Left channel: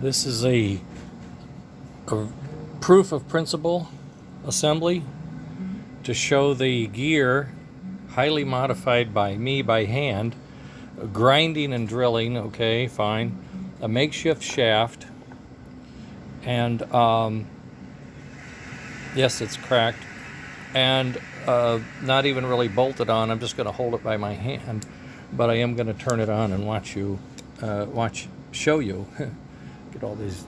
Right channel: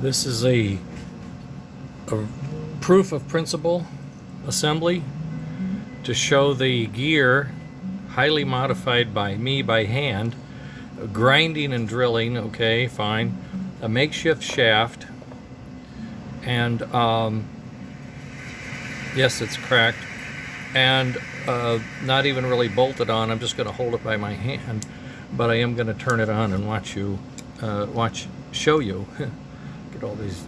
This is a proof of principle assembly to show the gear highly modified by me by hand, grinding and drilling, okay, fine, a makeshift shaft, and yes, it's cracked, and not even really bolted on. I'm just going to hold it by my hand, but I am going to turn it on and show you. Get all these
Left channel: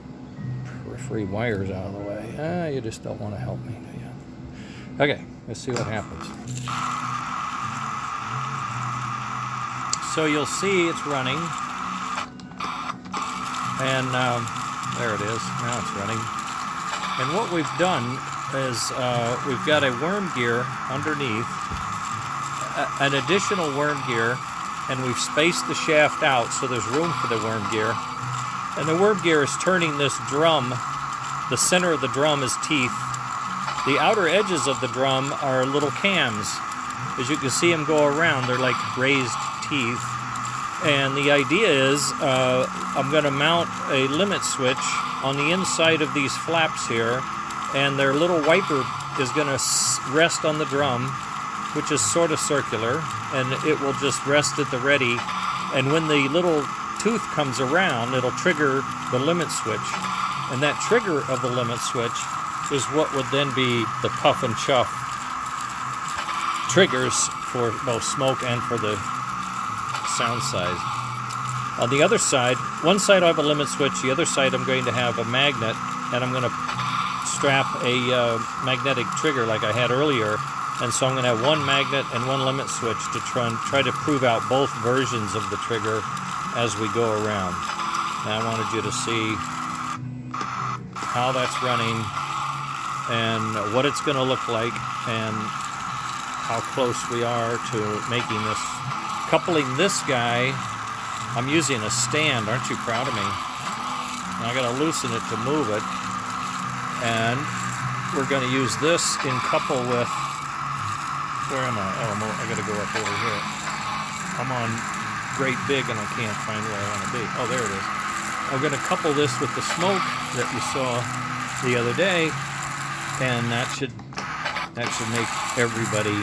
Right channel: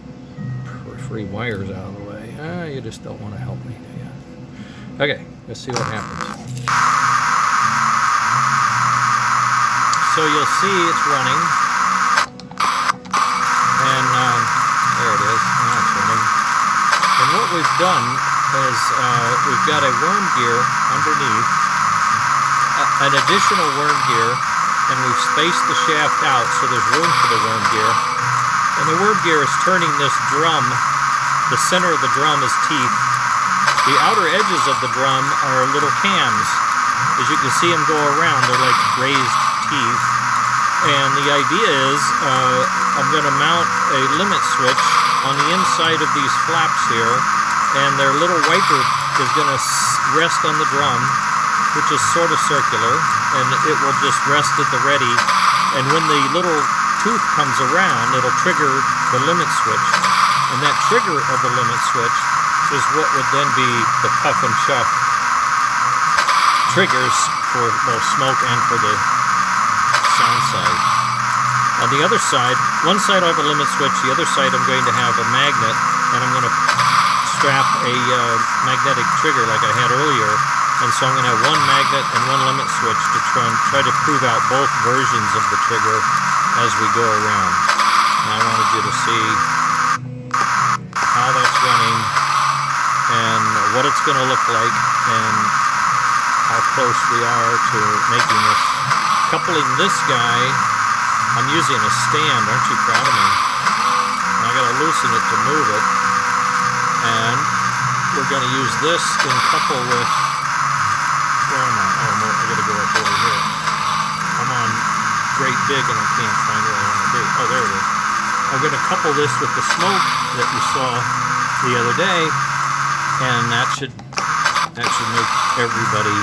free wires out of the way. You just don't want to help me, do you? Okay, let's see what happens. So you'll see it's running, and there it is. Now it's running. And what we've done is we've got a worm gear underneath, an additional worm gear, and we've spaced the shaft out so there's room for the worm gear. And the worm gear is turning this drum. The center of the drum is teeth. The outer edges of the drum are little cams. As you can see them go around, they're like raised teeth. And the idea is I'm going to mount a limit switch on the inside of these flaps here, and their little wiper is going to rest on the drum, which is sort of circular, and it will just rest at the ready. And when the little tooth comes around, it'll trigger the limit switch. And that trigger of the limit switch is what would then be the puff and chuff triggers for both smoke and for the sound side. On the other side, one side I'll have a limit switch, the other side I'm going to have a magnet, and I'm going to strap a magnetic trigger like I had earlier. And so I'm going to have one magnet and one limit switch to try to prove out both versions of the trigger as we go around. Now I wanted you to see how that's running and what it's going to look like and how close we are to making this. Coupling this guy, I'm using a stand. Aren't you proud of me? And I got to loosen it to move it. And we're going to use this in couple with, where am I? Oh, I got to go up over here. I'm on great big and I can't find where I want to be. Oh, there it is. I'm going to couple this with the smoke that you saw the other day, and that should make everybody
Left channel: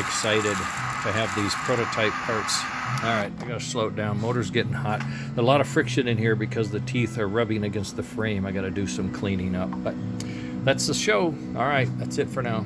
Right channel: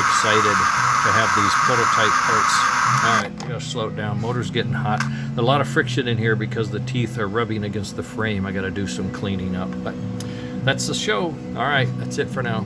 excited to have these prototype parts. All right, I'm going to slow it down. Motor's getting hot. A lot of friction in here because the teeth are rubbing against the frame. I got to do some cleaning up, but that's the show. All right, that's it for now.